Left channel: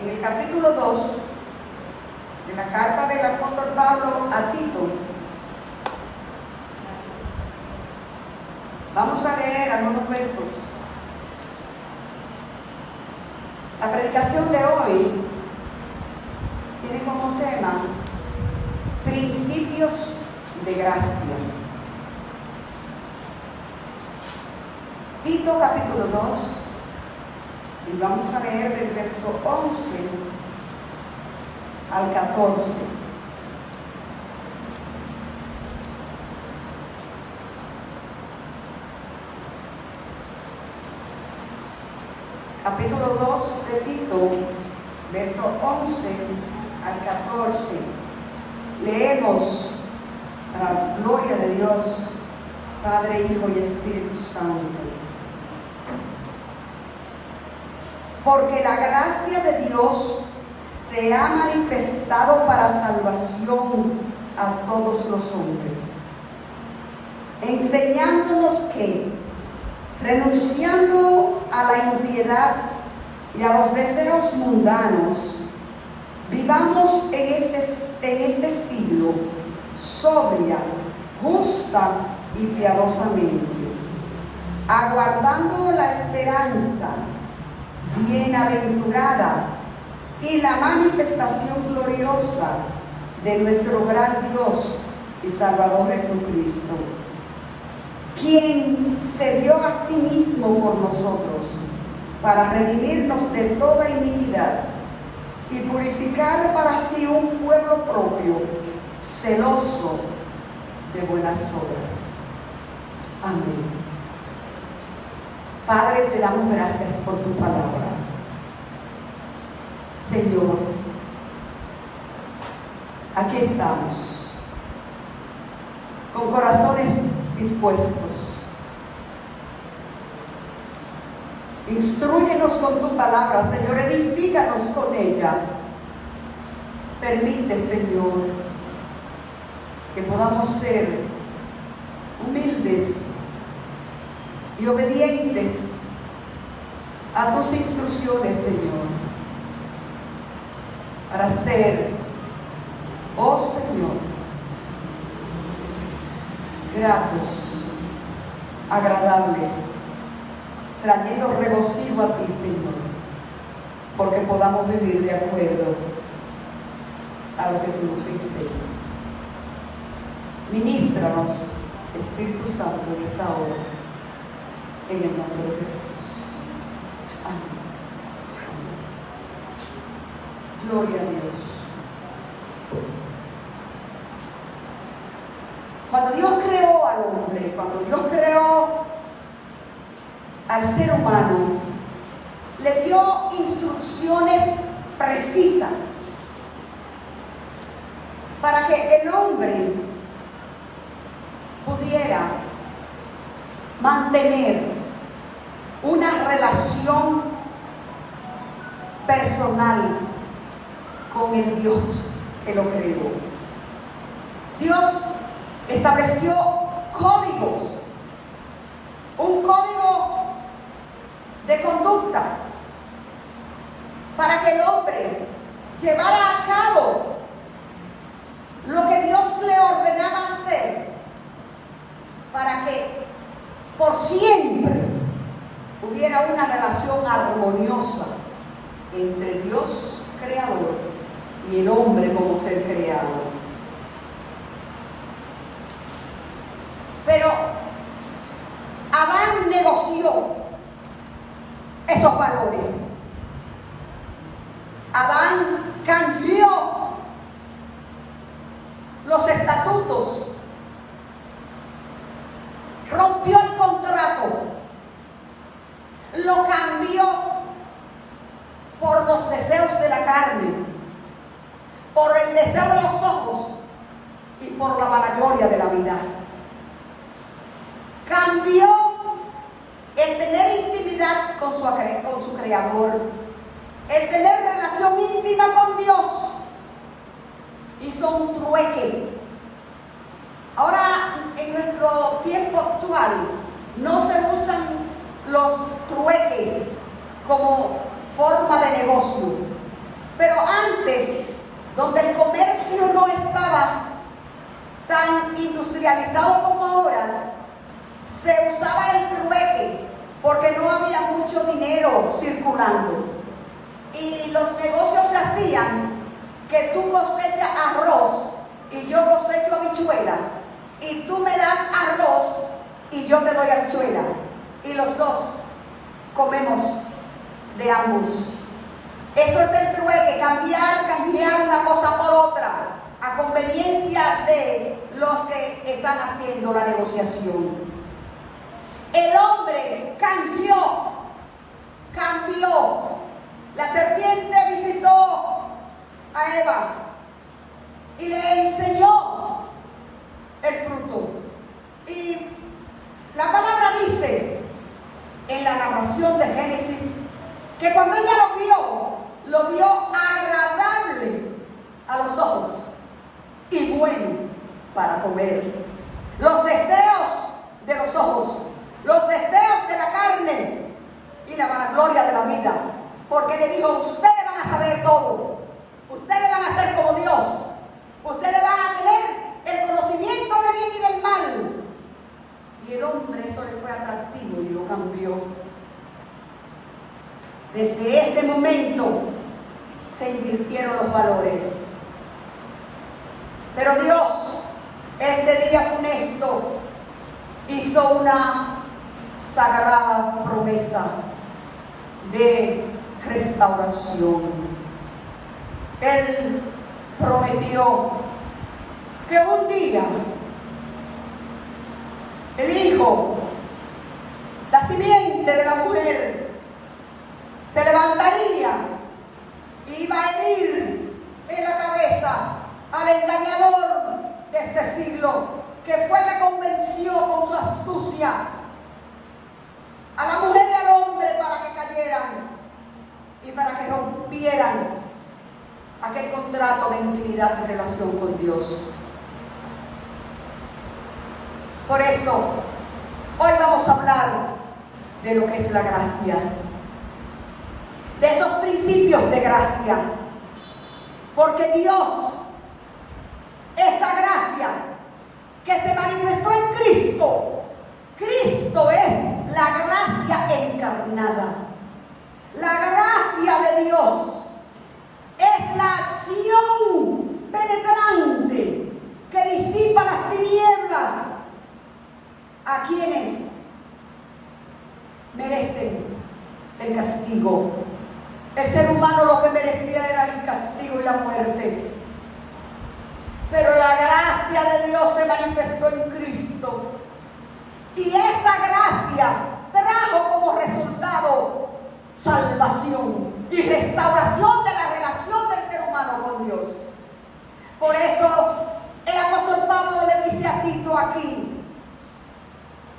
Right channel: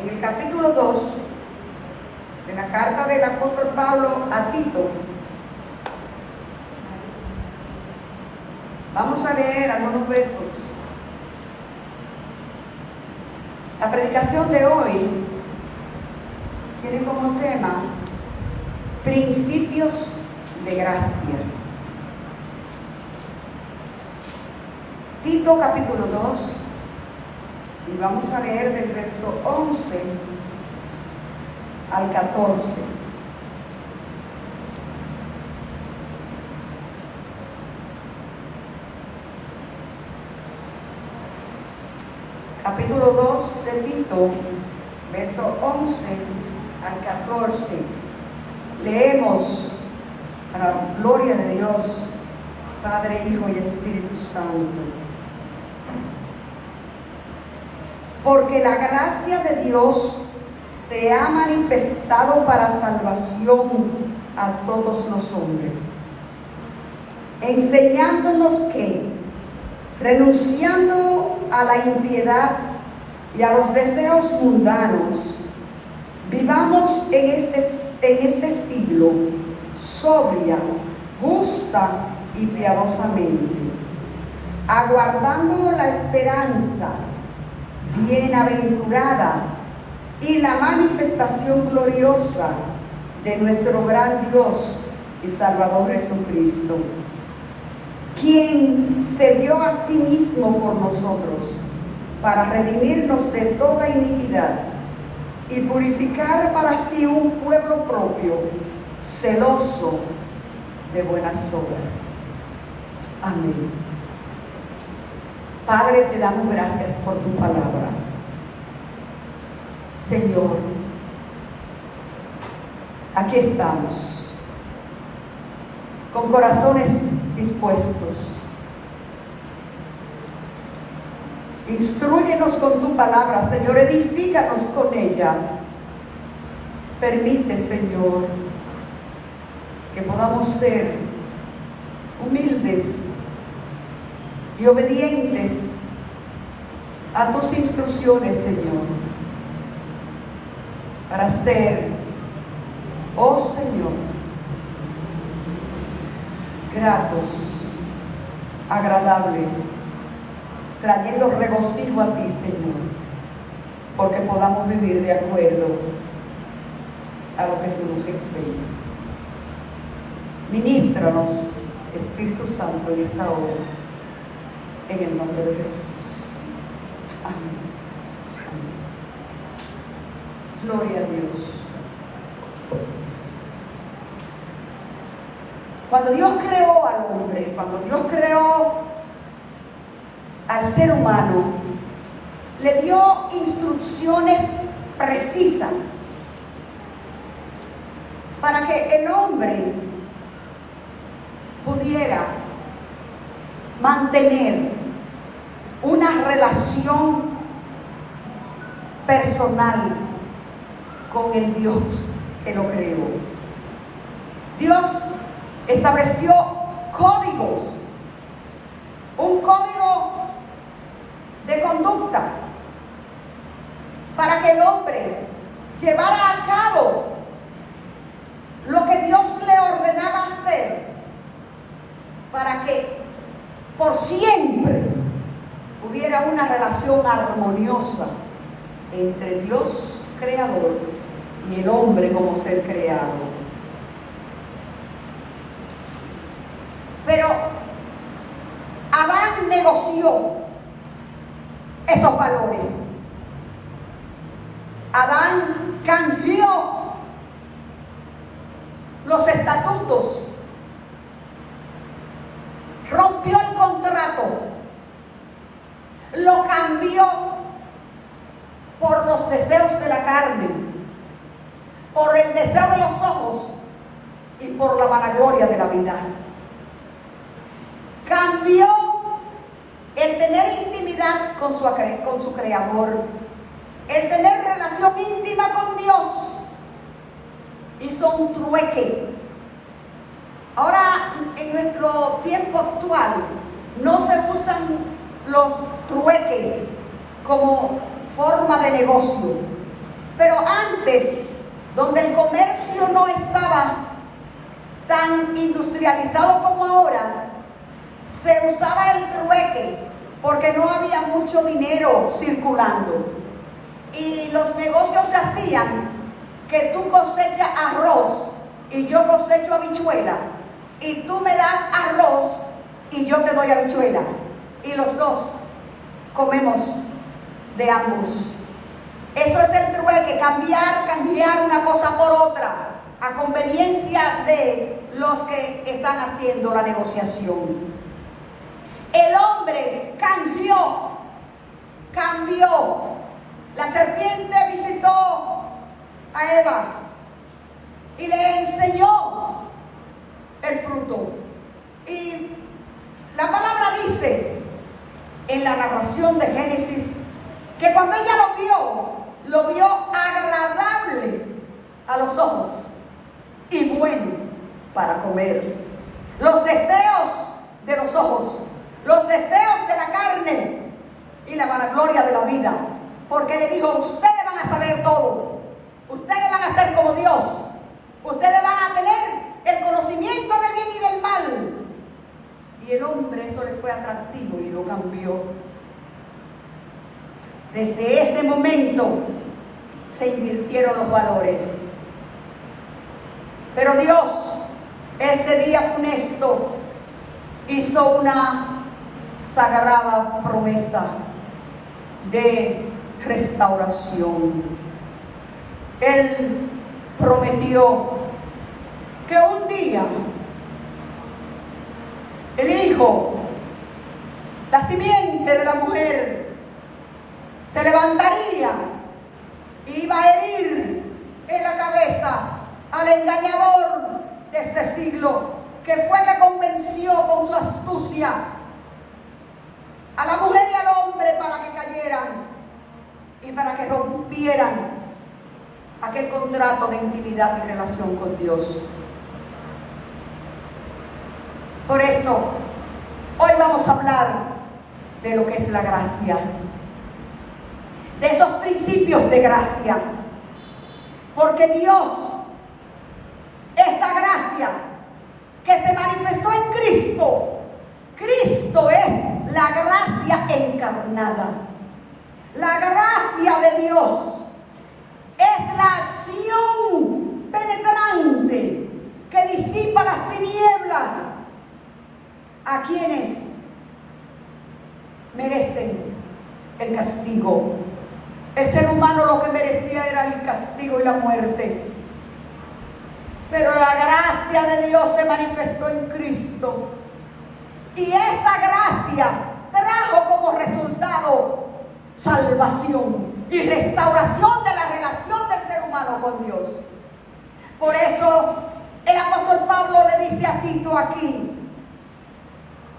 en el capítulo 2 de la carta del apóstol Pablo a Tito. Vamos a leer algunos versos. La predicación de hoy tiene como tema principios de gracia. Tito capítulo 2, y vamos a leer del verso 11 al 14. Capítulo 2 de Tito, verso 11 al 14. Leemos para gloria de Dios, Padre, Hijo y Espíritu Santo. Porque la gracia de Dios se ha manifestado para salvación a todos los hombres, enseñándonos que, renunciando a la impiedad y a los deseos mundanos, vivamos en este siglo sobria, justa y piadosamente, aguardando la esperanza bienaventurada y la manifestación gloriosa de nuestro gran Dios y Salvador Jesucristo, quien se dio a sí mismo por nosotros para redimirnos de toda iniquidad y purificar para sí un pueblo propio, celoso de buenas obras. Amén. Padre, te damos gracias por tu palabra. Señor, aquí estamos, con corazones dispuestos. Instrúyenos con tu palabra, Señor, edifícanos con ella. Permite, Señor, que podamos ser humildes y obedientes a tus instrucciones, Señor, para ser, oh Señor, gratos, agradables, trayendo regocijo a ti, Señor, porque podamos vivir de acuerdo a lo que tú nos enseñas. Ministranos, Espíritu Santo, en esta hora, en el nombre de Jesús. Amén. Amén. Gloria a Dios. Cuando Dios creó al hombre, cuando Dios creó al ser humano, le dio instrucciones precisas para que el hombre pudiera mantener una relación personal con el Dios que lo creó. Dios estableció códigos, un código de conducta para que el hombre llevara a cabo lo que Dios le ordenaba hacer, para que por siempre hubiera una relación armoniosa entre Dios creador y el hombre como ser creado. Pero Adán negoció esos valores. Adán cambió los estatutos, rompió el contrato, lo cambió por los deseos de la carne, por el deseo de los ojos y por la vanagloria de la vida. Cambió el tener intimidad con su creador, el tener relación íntima con Dios. Hizo un trueque. Ahora, en nuestro tiempo actual, no se usan los trueques como forma de negocio, Pero antes, donde el comercio no estaba tan industrializado como ahora, se usaba el trueque porque no había mucho dinero circulando. Y los negocios se hacían que tú cosechas arroz y yo cosecho habichuela, y tú me das arroz y yo te doy habichuela, y los dos comemos de ambos. Eso es el trueque, cambiar una cosa por otra, a conveniencia de los que están haciendo la negociación. El hombre cambió. La serpiente visitó a Eva y le enseñó el fruto. Y la palabra dice en la narración de Génesis que cuando ella lo vio agradable a los ojos y bueno para comer. Los deseos de los ojos, los deseos de la carne y la vanagloria de la vida, porque le dijo: ustedes van a saber todo, ustedes van a ser como Dios, ustedes van a tener el conocimiento del bien y del mal. Y el hombre eso le fue atractivo y lo cambió. Desde ese momento se invirtieron los valores. Pero Dios, ese día funesto, hizo una sagrada promesa de restauración. Él prometió que un día el hijo, la simiente de la mujer, se levantaría y iba a herir en la cabeza al engañador de este siglo, que fue que convenció con su astucia a la mujer y al hombre para que cayeran y para que rompieran aquel contrato de intimidad y relación con Dios. Por eso, hoy vamos a hablar de lo que es la gracia, de esos principios de gracia, porque Dios, esa gracia que se manifestó en Cristo, Cristo es la gracia encarnada. La gracia de Dios es la acción penetrante que disipa las tinieblas a quienes merecen el castigo. El ser humano lo que merecía era el castigo y la muerte. Pero la gracia de Dios se manifestó en Cristo. Y esa gracia trajo como resultado salvación y restauración de la relación del ser humano con Dios. Por eso el apóstol Pablo le dice a Tito aquí:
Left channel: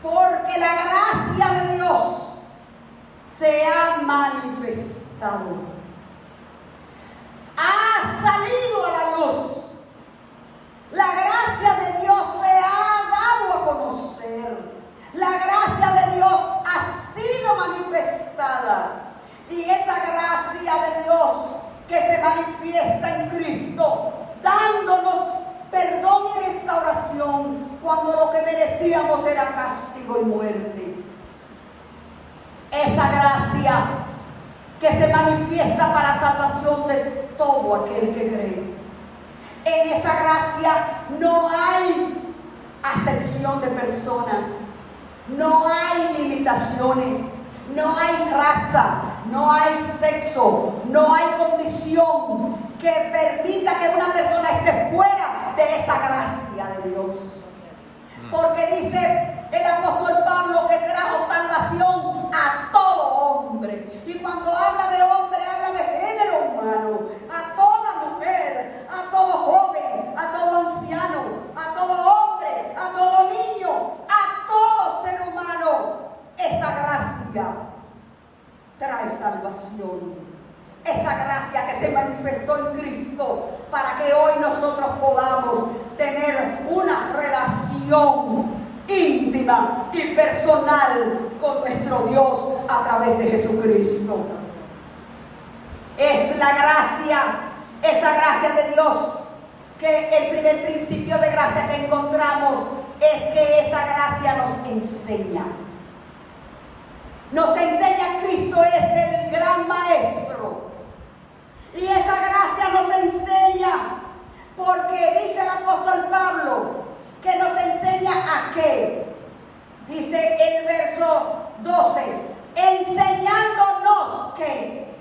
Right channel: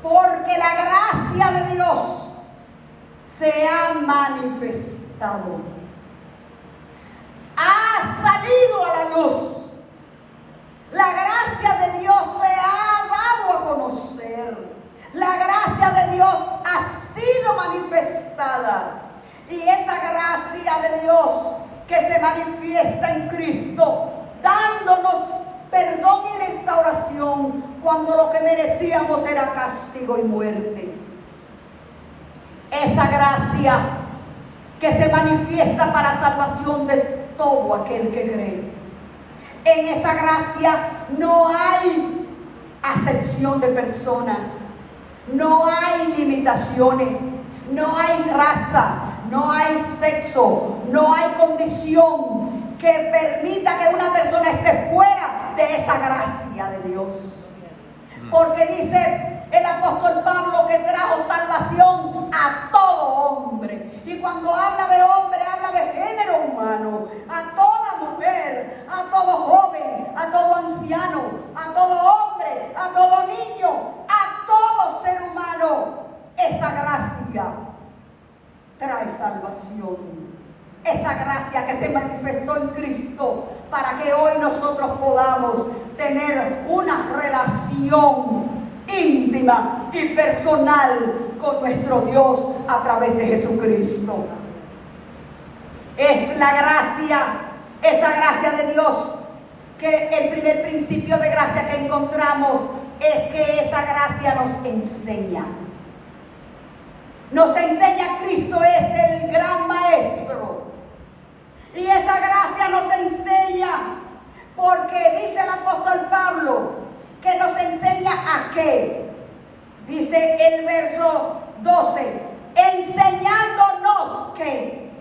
porque la gracia de Dios se ha manifestado, ha salido a la luz. La gracia de Dios se ha dado a conocer. La gracia de Dios ha sido manifestada. Y esa gracia de Dios que se manifiesta en Cristo, dándonos perdón y restauración cuando lo que merecíamos era castigo y muerte. Esa gracia que se manifiesta para salvación de todo aquel que cree. En esa gracia no hay acepción de personas, no hay limitaciones, no hay raza, no hay sexo, no hay condición que permita que una persona esté fuera de esa gracia de Dios. Porque dice el apóstol Pablo que trajo salvación a todo hombre. Y cuando habla de hombre, habla de género humano, a toda mujer, a todo joven, a todo anciano, a todo hombre, a todo niño, a todo ser humano. Esa gracia trae salvación. Esa gracia que se manifestó en Cristo para que hoy nosotros podamos tener una relación íntima y personal con nuestro Dios a través de Jesucristo. es la gracia, esa gracia de Dios, que el primer principio de gracia que encontramos es que esa gracia nos enseña. Nos enseña Cristo es el gran maestro. Y esa gracia nos enseña porque dice el apóstol Pablo que nos enseña a qué. Dice el verso 12, enseñándonos qué.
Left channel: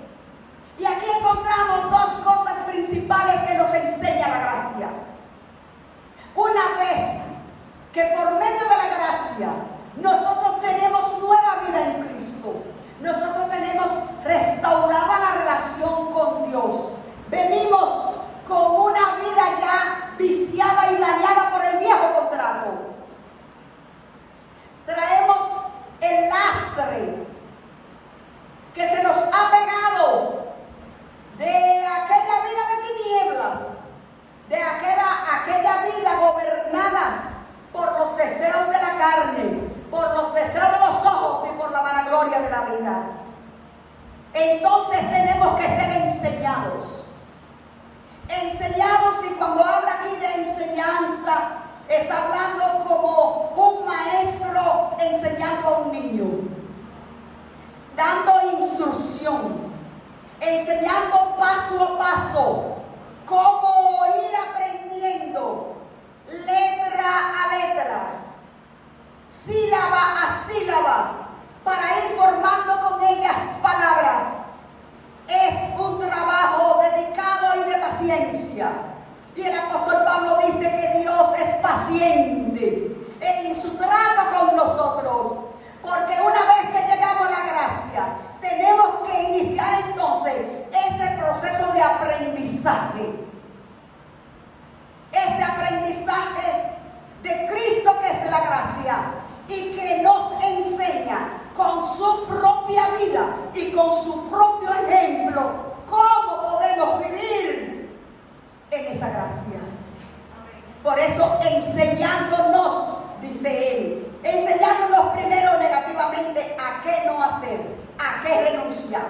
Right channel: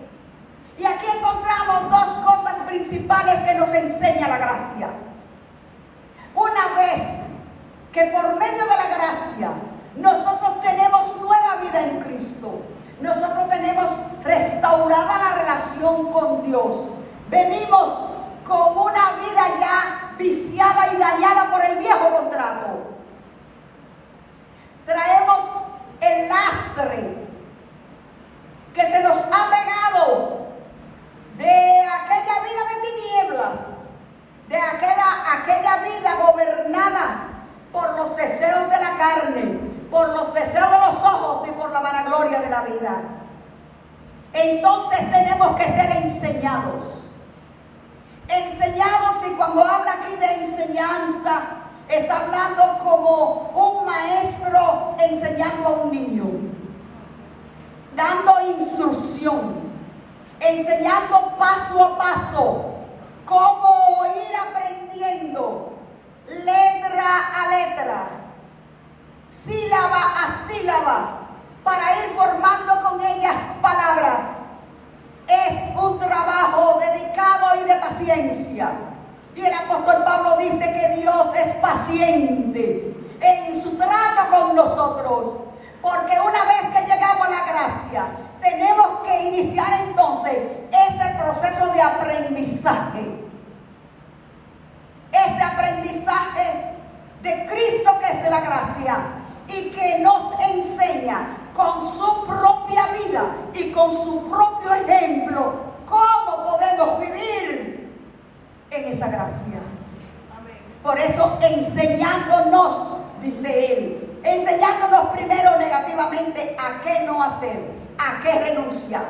Y aquí encontramos dos cosas principales que nos enseña la gracia. Una vez que por medio de la gracia nosotros tenemos nueva vida en Cristo, nosotros tenemos restaurada la relación con Dios, venimos con una vida ya viciada y dañada por el viejo contrato. Traemos el lastre que se nos ha pegado de aquella vida de tinieblas, de aquella vida gobernada por los deseos de la carne, por los deseos de los ojos y por la vanagloria de la vida. Entonces tenemos que ser enseñados. Enseñados, y cuando habla aquí de enseñanza, está hablando como un maestro enseñando a un niño, dando instrucción, enseñando paso a paso cómo ir aprendiendo letra a letra, sílaba a sílaba, para ir formando con ellas palabras. Es un trabajo dedicado y de paciencia. Y el apóstol Pablo dice que Dios es paciente en su trato con nosotros, porque una vez que llegamos a la gracia, tenemos que iniciar entonces ese proceso de aprendizaje. Ese aprendizaje de Cristo, que es la gracia, y que nos enseña con su propia vida y con su propio ejemplo cómo podemos vivir en esa gracia. Por eso, enseñándonos, dice él, enseñándonos primero negativamente a qué no hacer, a qué renunciar.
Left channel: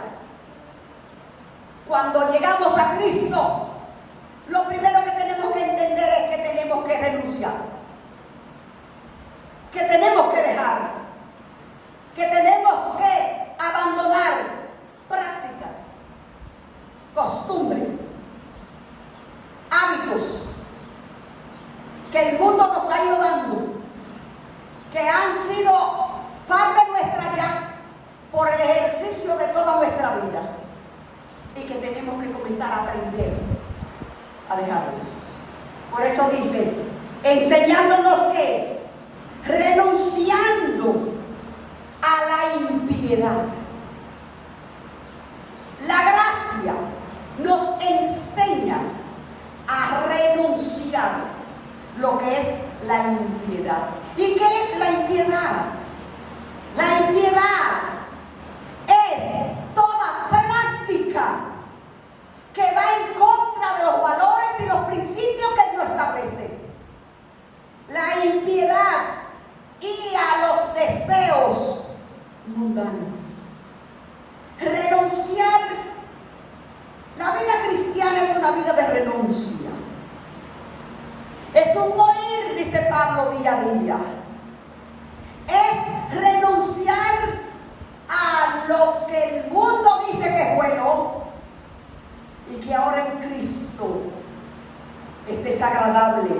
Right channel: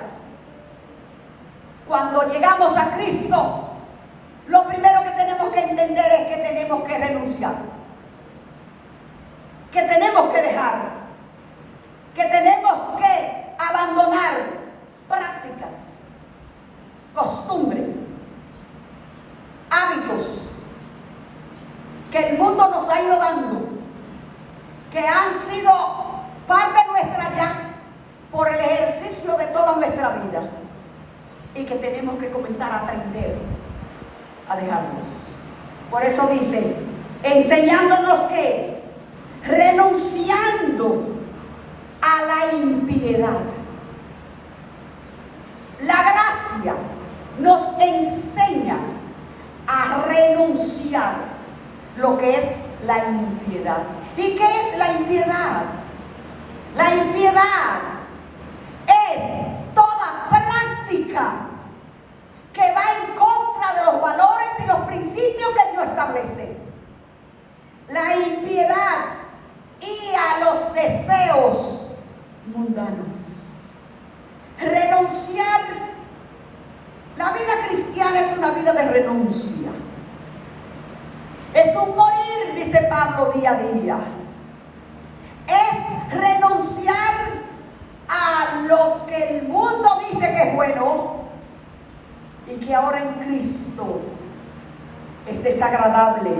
Cuando llegamos a Cristo, lo primero que tenemos que entender es que tenemos que renunciar, que tenemos que dejar, que tenemos que abandonar prácticas, costumbres, hábitos que el mundo nos ha ido dando, que han sido parte nuestra ya por el ejercicio de toda nuestra vida, y que tenemos que comenzar a aprender a dejarlos. Por eso dice, enseñándonos que renunciando a la impiedad. La gracia nos enseña a renunciar lo que es la impiedad. ¿Y qué es la impiedad? La impiedad es toda práctica que va en contra de los valores y los principios que Dios establece. La impiedad y a los deseos mundanos. Renunciar. La vida cristiana es una vida de renuncia. Es un morir, dice Pablo, día a día. Es renunciar a lo que el mundo dice que es bueno y que ahora en Cristo es desagradable,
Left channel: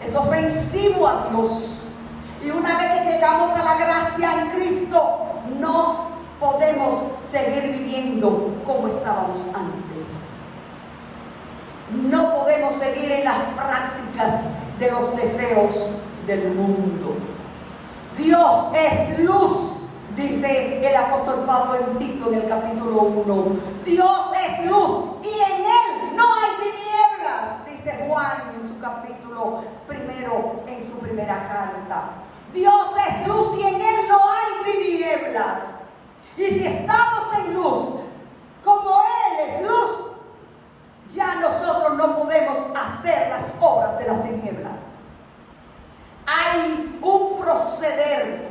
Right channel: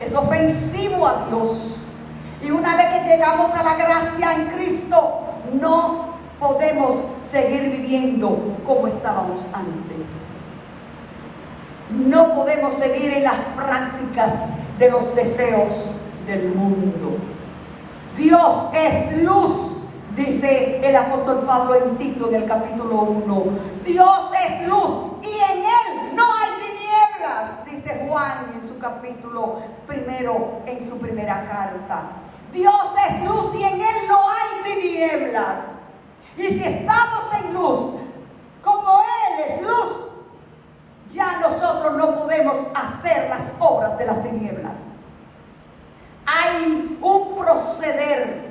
es ofensivo a Dios. Y una vez que llegamos a la gracia en Cristo, no podemos seguir viviendo como estábamos antes. No podemos seguir en las prácticas de los deseos del mundo. Dios es luz, dice el apóstol Pablo en Tito, en el capítulo 1. Dios es luz y en Él no hay tinieblas, dice Juan en su capítulo primero, en su primera carta. Dios es luz y en Él no hay tinieblas. Y si estamos en luz, como Él es luz, ya nosotros no podemos hacer las obras de las tinieblas. Hay un proceder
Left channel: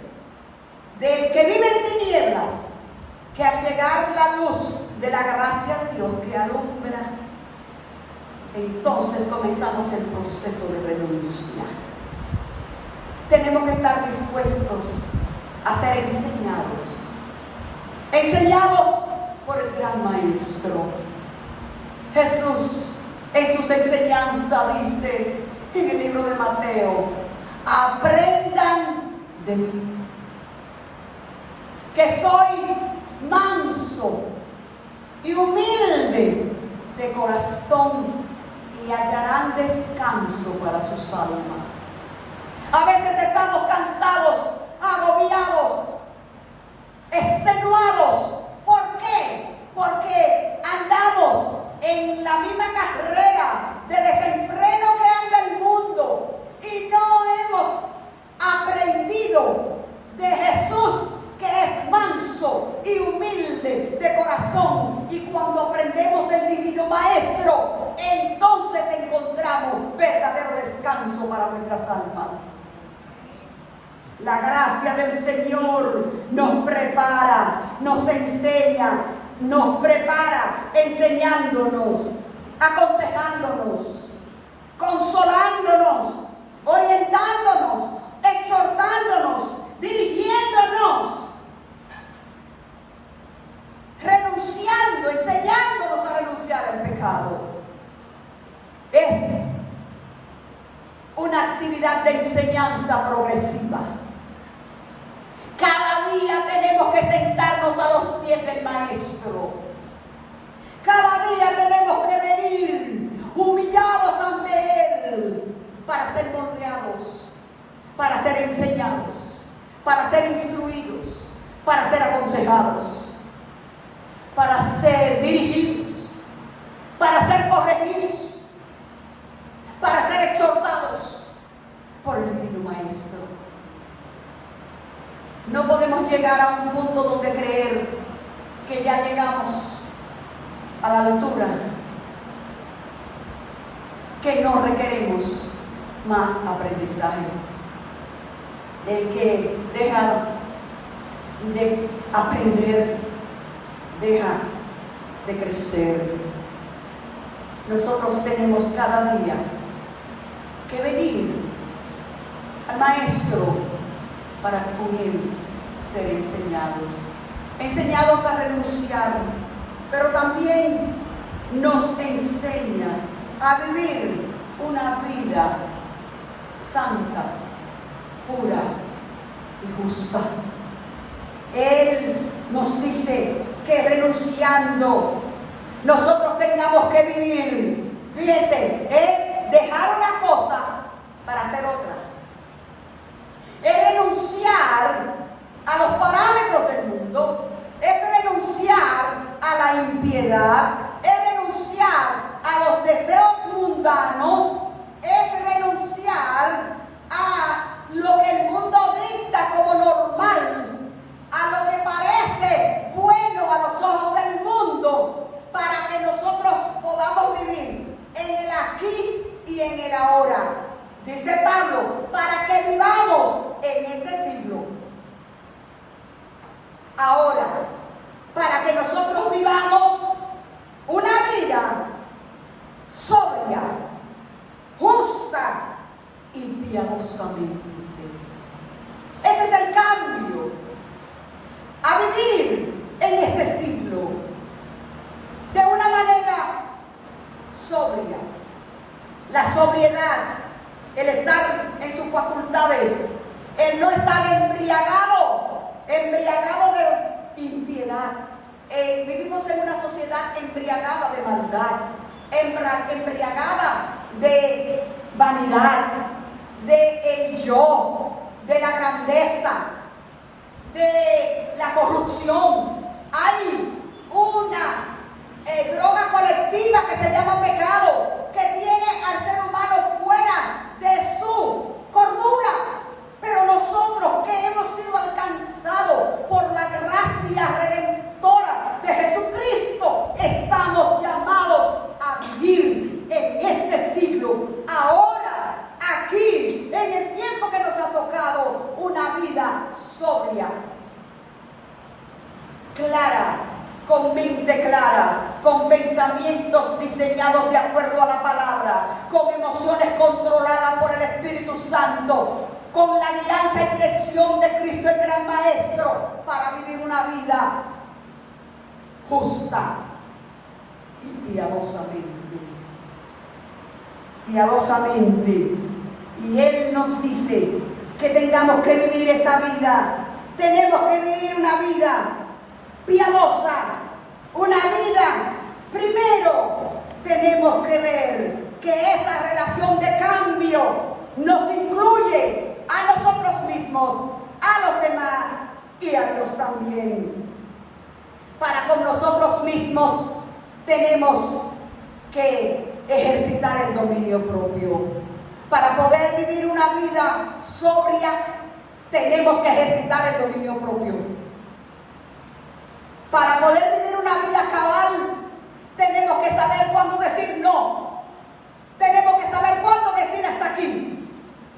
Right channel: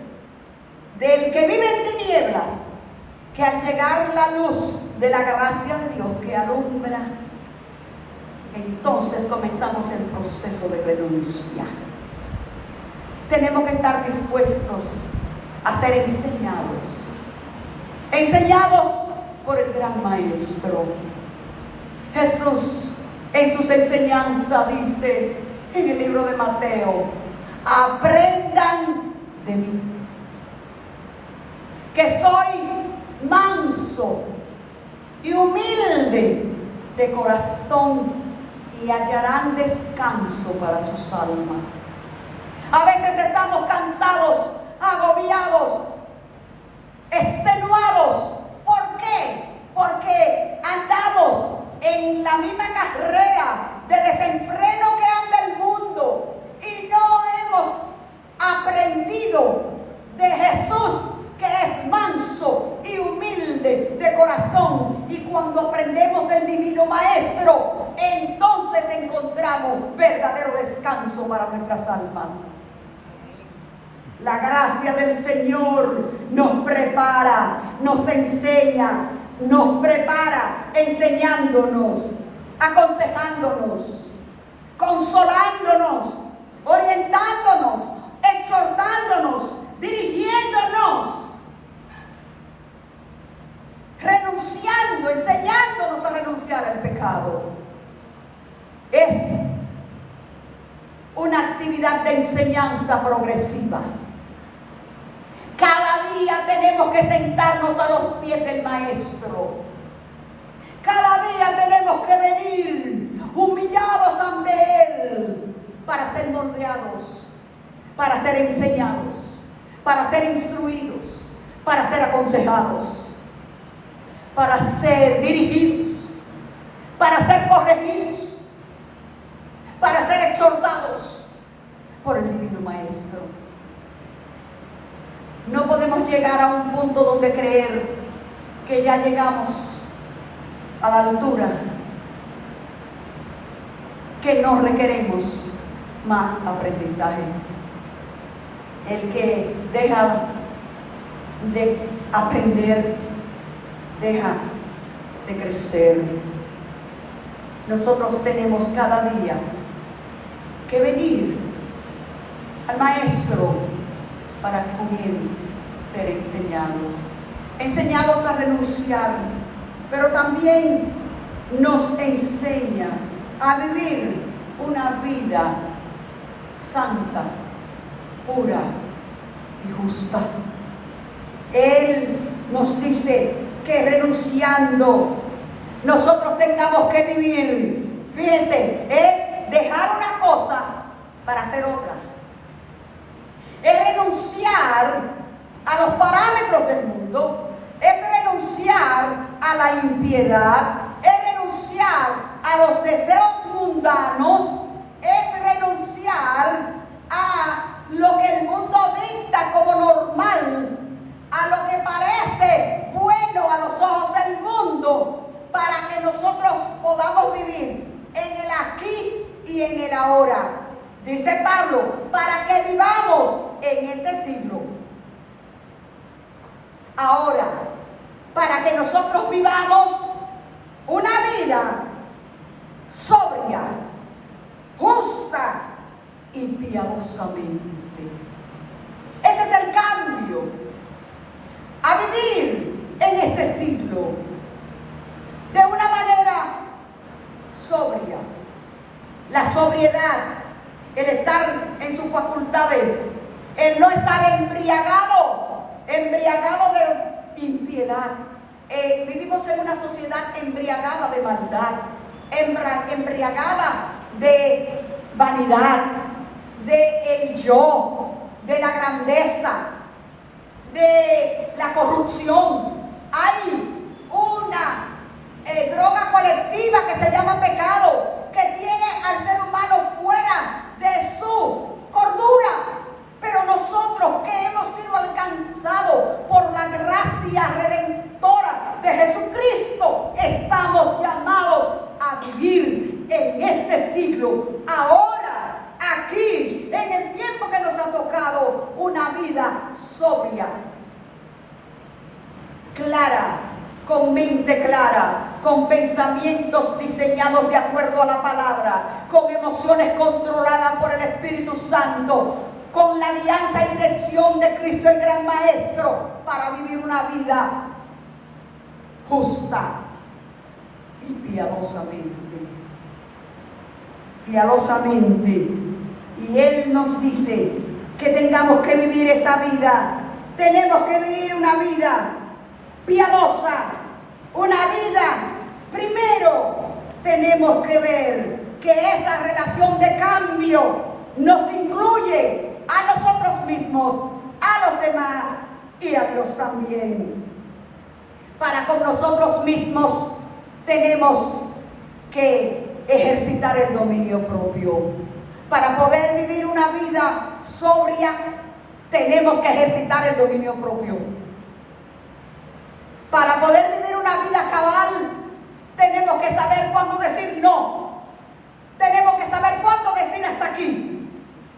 del que vive en tinieblas, que al llegar la luz de la gracia de Dios que alumbra, entonces comenzamos el proceso de renunciar. Tenemos que estar dispuestos a ser enseñados por el gran Maestro. Jesús en sus enseñanzas dice en el libro de Mateo: aprendan de mí, que soy manso y humilde de corazón, y hallarán descanso para sus almas. A veces estamos cansados, agobiados, extenuados. ¿Por qué? Porque andamos en la misma carrera de desenfreno que anda el mundo y no hemos aprendido de Jesús, que es manso y humilde de corazón. Y cuando aprendemos del Divino Maestro, entonces encontramos verdadero descanso para nuestras almas. La gracia del Señor nos prepara, nos enseña, nos prepara enseñándonos, aconsejándonos, consolándonos, orientándonos, exhortándonos, dirigiéndonos, renunciando, enseñándonos a renunciar al pecado. Es una actividad de enseñanza progresiva. Cada día tenemos que sentarnos a los pies del Maestro. Cada día tenemos que venir humillados ante Él para ser moldeados, para ser enseñados, para ser instruidos, para ser aconsejados, para ser dirigidos, para ser corregidos, para ser exhortados por el Divino Maestro. No podemos llegar a un punto donde creer que ya llegamos a la altura, que no requeremos más aprendizaje. El que deja de aprender, deja de crecer. Nosotros tenemos cada día que venir al Maestro para con Él ser enseñados a renunciar, pero también nos enseña a vivir una vida santa, pura y justa. Él nos dice que renunciando nosotros tengamos que vivir. Fíjense, es dejar una cosa para hacer otra. Es renunciar a los parámetros del mundo, es renunciar a la impiedad, es renunciar a los deseos mundanos, es renunciar a lo que el mundo dicta como normal, a lo que parece bueno a los ojos del mundo, para que nosotros podamos vivir en el aquí y en el ahora. Dice Pablo, para que vivamos en este siglo. Ahora, para que nosotros vivamos una vida sobria, justa y piadosamente. Ese es el cambio a vivir en este siglo de una manera sobria. La sobriedad, el estar en sus facultades, el no estar embriagado de impiedad. Vivimos en una sociedad embriagada de maldad, embriagada de vanidad, de el yo, de la grandeza, de la corrupción. Hay una droga colectiva que se llama pecado, que tiene al ser humano fuera de su cordura. Pero nosotros que hemos sido alcanzados por la gracia redentora de Jesucristo, estamos llamados a vivir en este siglo, ahora, aquí, en el tiempo que nos ha tocado, una vida sobria, clara clara, con pensamientos diseñados de acuerdo a la palabra, con emociones controladas por el Espíritu Santo, con la guianza y dirección de Cristo el gran Maestro, para vivir una vida justa y piadosamente. Piadosamente. Y Él nos dice que tengamos que vivir esa vida. Tenemos que vivir una vida piadosa, una vida, primero tenemos que ver que esa relación de cambio nos incluye a nosotros mismos, a los demás y a Dios también. Para con nosotros mismos tenemos que ejercitar el dominio propio. Para poder vivir una vida sobria, tenemos que ejercitar el dominio propio. Para poder vivir una vida cabal, tenemos que saber cuándo decir no. Tenemos que saber cuándo decir hasta aquí.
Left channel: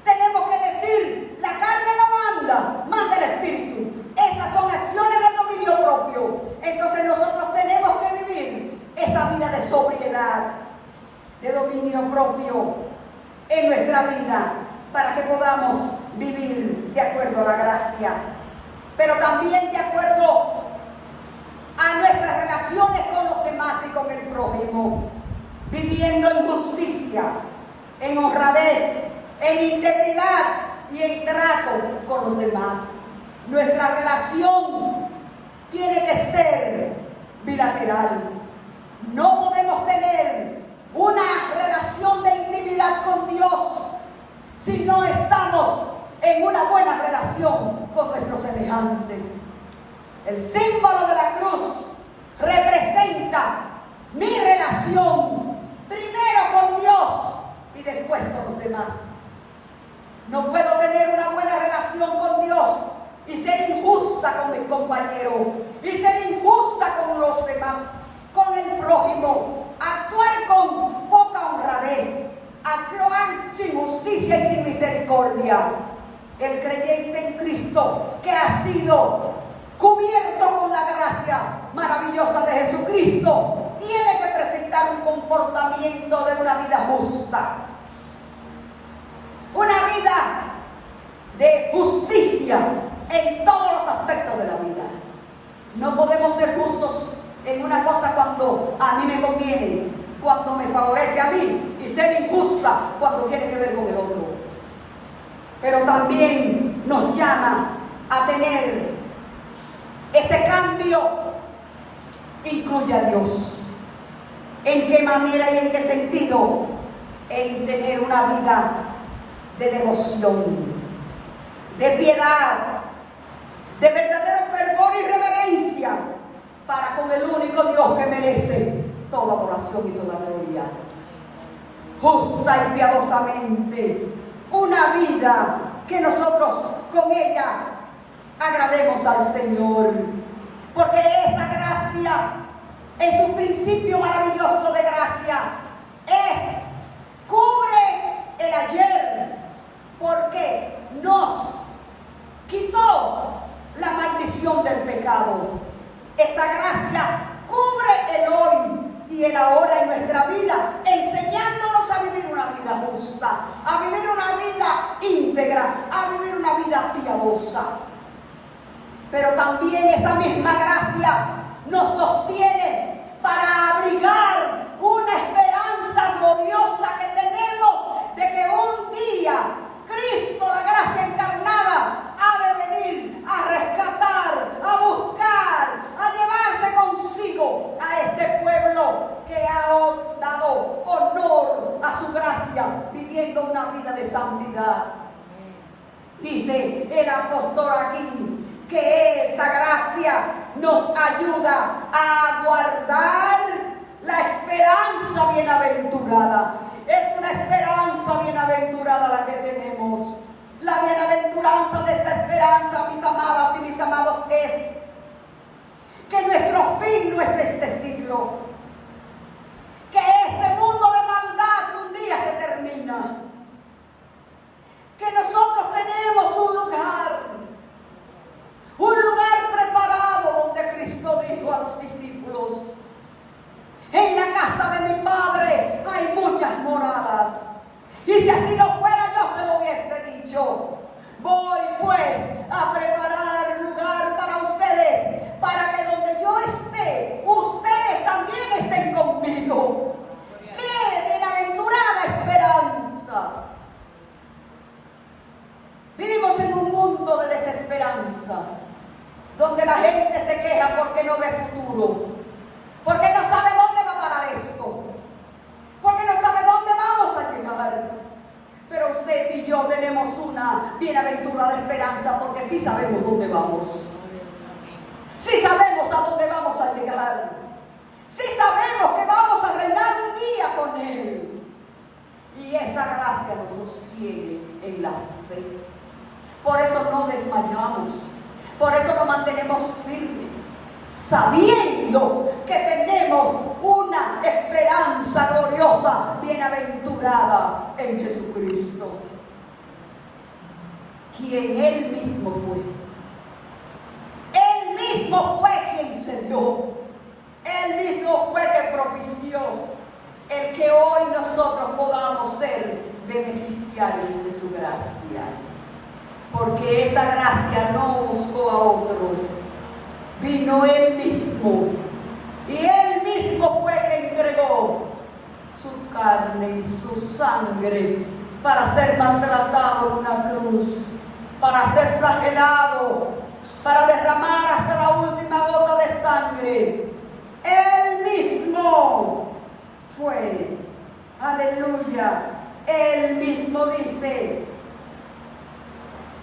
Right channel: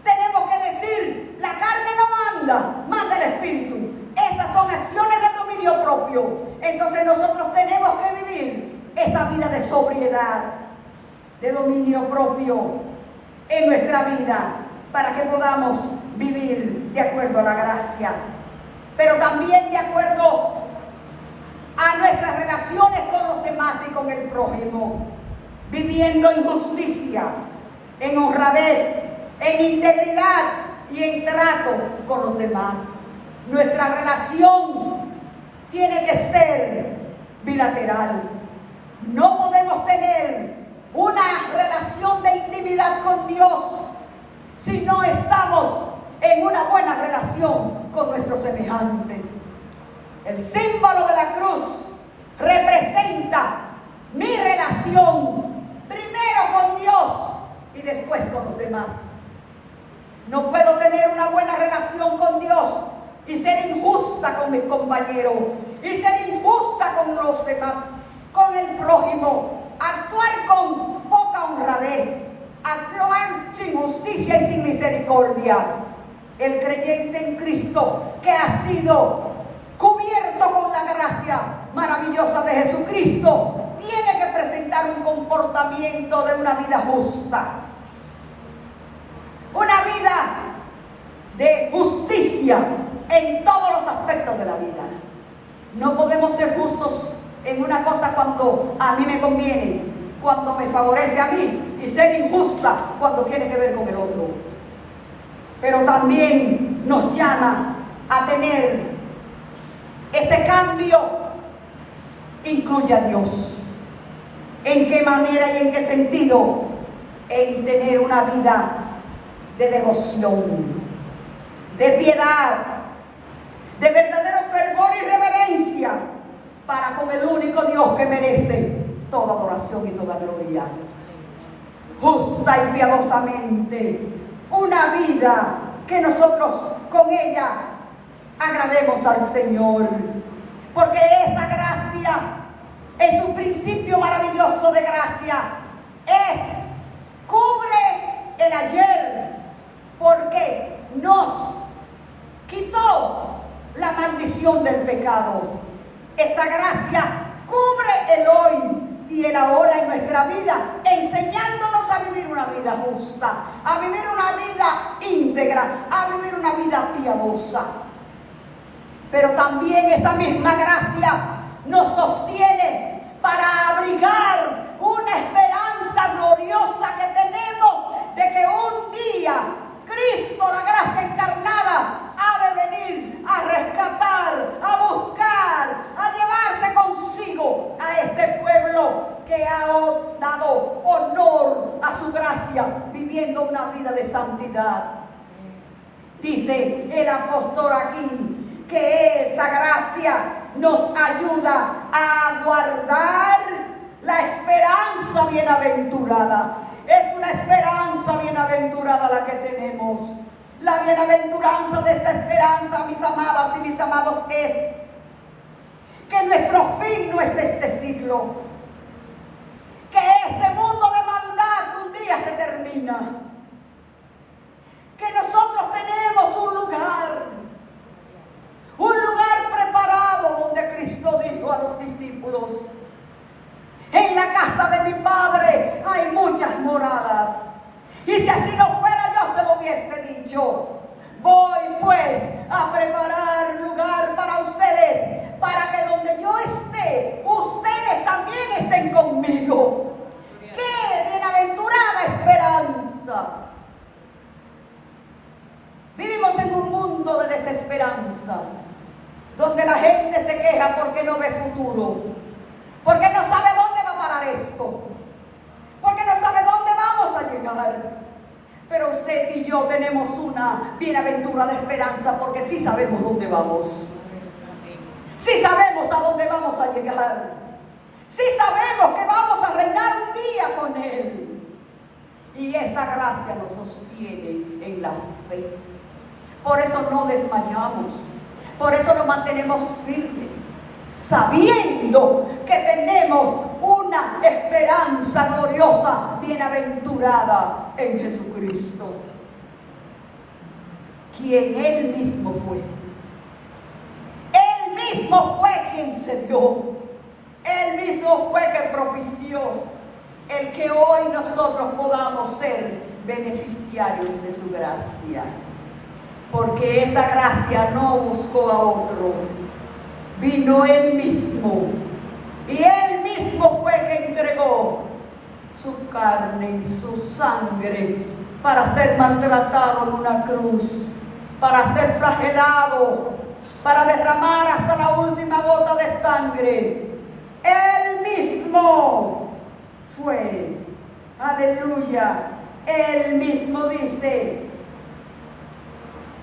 Tenemos que decir, la carne no manda, manda el Espíritu. Esas son acciones de dominio propio. Entonces nosotros tenemos que vivir esa vida de sobriedad, de dominio propio en nuestra vida, para que podamos vivir de acuerdo a la gracia, pero también de acuerdo a nuestras relaciones con los demás y con el prójimo, viviendo en justicia, en honradez, en integridad y en trato con los demás. Nuestra relación tiene que ser bilateral. No podemos tener una relación de intimidad con Dios si no estamos en una buena relación con nuestros semejantes. El símbolo de la cruz representa mi relación primero con Dios y después con los demás. No puedo tener una buena relación con Dios y ser injusta con mis compañeros, y ser injusta con los demás, con el prójimo, actuar con poca honradez, actuar sin justicia y sin misericordia. El creyente en Cristo, que ha sido cubierto con la gracia maravillosa de Jesucristo, tiene que presentar un comportamiento de una vida justa, una vida de justicia en todos los aspectos de la vida. No podemos ser justos en una cosa cuando a mí me conviene, cuando me favorece a mí, y ser injusta cuando tiene que ver con el otro. Pero también nos llama a tener ese cambio. Incluye a Dios. ¿En qué manera y en qué sentido? En tener una vida de devoción, de piedad, de verdadero fervor y reverencia para con el único Dios que merece toda adoración y toda gloria. Justa y piadosamente, una vida que nosotros con ella agrademos al Señor, porque esa gracia es un principio maravilloso de gracia. Cubre el ayer, porque nos quitó la maldición del pecado. Esa gracia cubre el hoy y el ahora en nuestra vida, enseñándonos a vivir una vida justa, a vivir una vida íntegra, a vivir una vida piadosa. Pero también esa misma gracia nos sostiene para abrigar una esperanza gloriosa que tenemos de que un día Cristo, la gracia encarnada, ha de venir a rescatar, a buscar, a llevarse consigo a este pueblo que ha dado honor a su gracia, viviendo una vida de santidad. Dice el apóstol aquí que esa gracia nos ayuda a guardar la esperanza bienaventurada. Es una esperanza bienaventurada la que tenemos. La bienaventuranza de esta esperanza, mis amadas y mis amados, es que nuestro fin no es este siglo, que este mundo de maldad un día se termina, que nosotros tenemos un lugar preparado donde Cristo dijo a los discípulos: moradas. Y si así no fuera, yo se lo hubiese dicho. Voy pues a preparar lugar para ustedes, para que donde yo esté, ustedes también estén conmigo. ¡Qué bienaventurada esperanza! Vivimos en un mundo de desesperanza, donde la gente se queja porque no ve futuro, porque no sabe dónde va a parar esto, porque no sabe dónde vamos a llegar. Pero usted y yo tenemos una bienaventurada esperanza, porque sí sabemos dónde vamos. Sí sabemos a dónde vamos a llegar. Sí sabemos que vamos a reinar un día con Él. Y esa gracia nos sostiene en la fe. Por eso no desmayamos. Por eso nos mantenemos firmes, sabiendo que tenemos una esperanza gloriosa, bienaventurada en Jesucristo, quien Él mismo fue. Él mismo fue quien se dio. Él mismo fue que propició el que hoy nosotros podamos ser beneficiarios de su gracia. Porque esa gracia no buscó a otro, vino Él mismo. Y Él mismo fue que entregó su carne y su sangre para ser maltratado en una cruz, para ser flagelado, para derramar hasta la última gota de sangre. Él mismo fue, aleluya, Él mismo dice,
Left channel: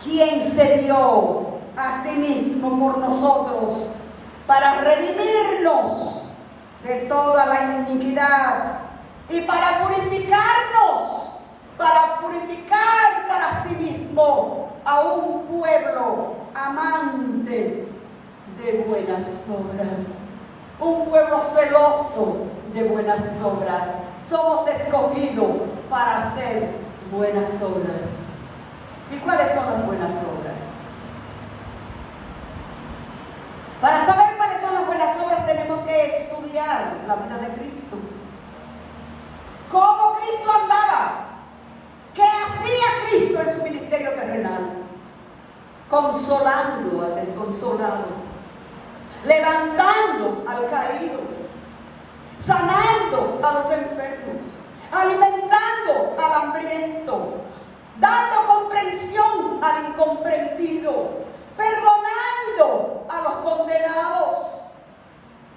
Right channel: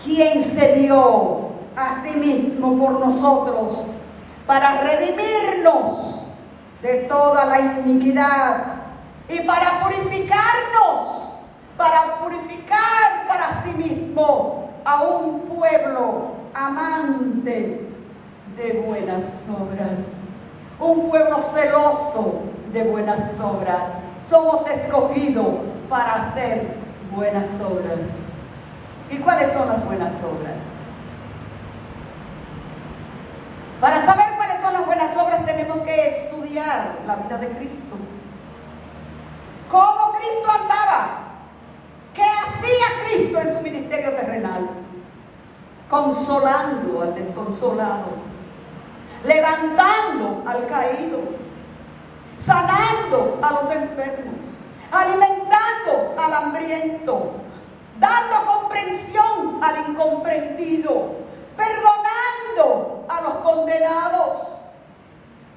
quien se dio a sí mismo por nosotros para redimirnos de toda la iniquidad y para purificarnos, para purificar para sí mismo a un pueblo amante de buenas obras, un pueblo celoso de buenas obras. Somos escogidos para hacer buenas obras. ¿Y cuáles son las buenas obras? Para saber cuáles son las buenas obras tenemos que estudiar la vida de Cristo. ¿Cómo Cristo andaba? ¿Qué hacía Cristo en su ministerio terrenal? Consolando al desconsolado, levantando al caído, sanando a los enfermos, alimentando al hambriento, dando comprensión al incomprendido, perdonando a los condenados.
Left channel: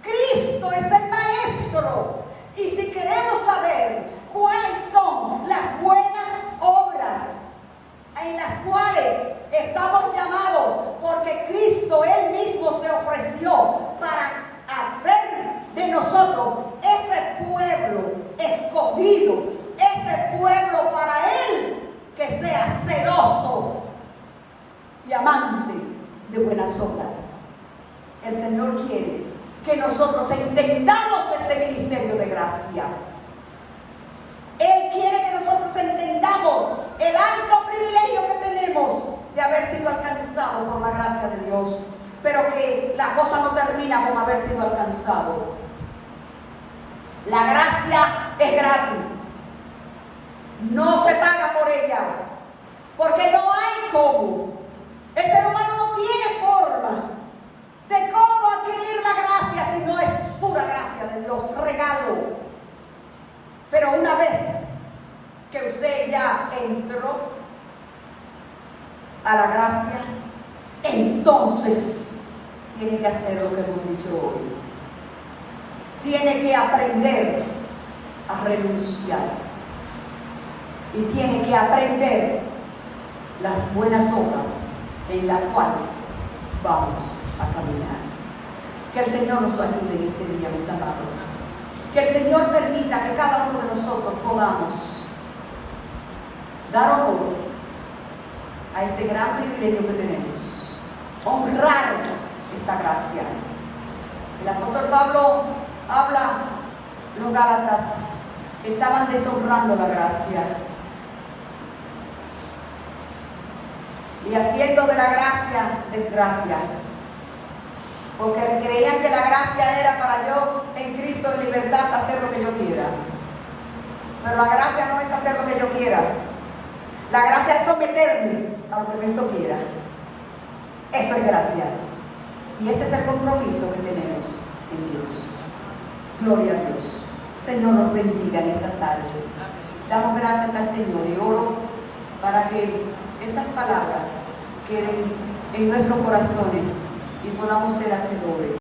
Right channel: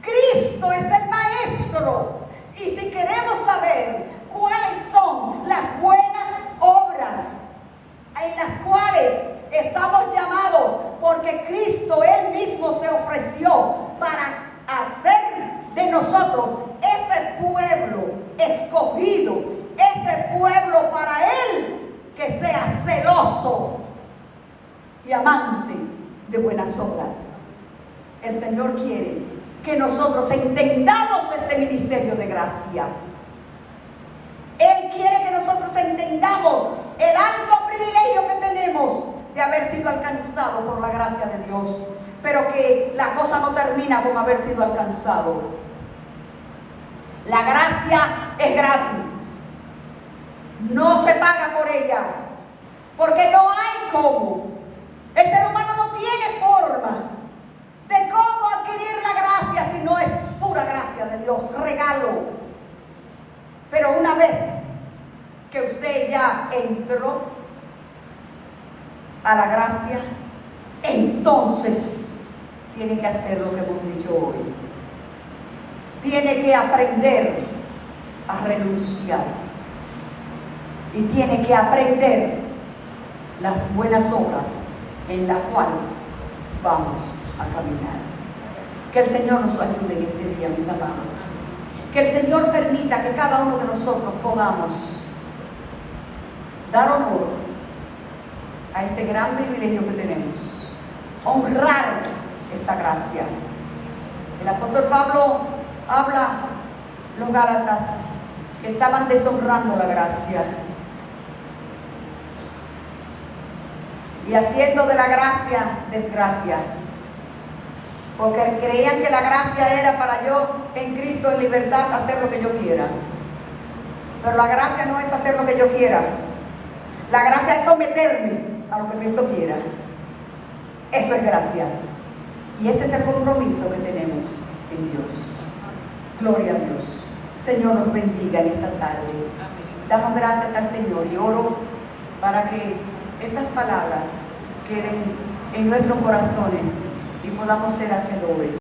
Cristo es el Maestro. Y si queremos saber cuáles son las buenas obras en las cuales estamos llamados, porque Cristo Él mismo se ofreció para hacer de nosotros ese pueblo escogido, ese pueblo para Él, que sea celoso y amante de buenas obras. El Señor quiere que nosotros entendamos este ministerio de gracia. Él quiere que nosotros entendamos el alto privilegio que tenemos de haber sido alcanzados por la gracia de Dios, pero que la cosa no termina con haber sido alcanzado. La gracia es gratis. No se paga por ella, porque no hay cómo. El ser humano no tiene forma de cómo adquirir la gracia si no es pura gracia de Dios, regalo. Pero una vez que usted ya entró a la gracia, entonces tiene que hacer lo que hemos dicho hoy. Tiene que aprender a renunciar. Y tiene que aprender las buenas obras en las cuales vamos a caminar. Que el Señor nos ayude en este día, mis amados. Que el Señor permita que cada uno de nosotros podamos dar honor a este gran privilegio que tenemos. Honrar esta gracia. El apóstol Pablo habla, los Gálatas que estaban deshonrando la gracia y haciendo de la gracia desgracia, porque creían que la gracia era para yo en Cristo en libertad hacer lo que yo quiera. Pero la gracia no es hacer lo que yo quiera. La gracia es someterme a lo que Cristo quiera. Eso es gracia. Y ese es el compromiso que tenemos en Dios. Gloria a Dios. Señor nos bendiga en esta tarde. Damos gracias al Señor y oro para que estas palabras queden en nuestros corazones y podamos ser hacedores.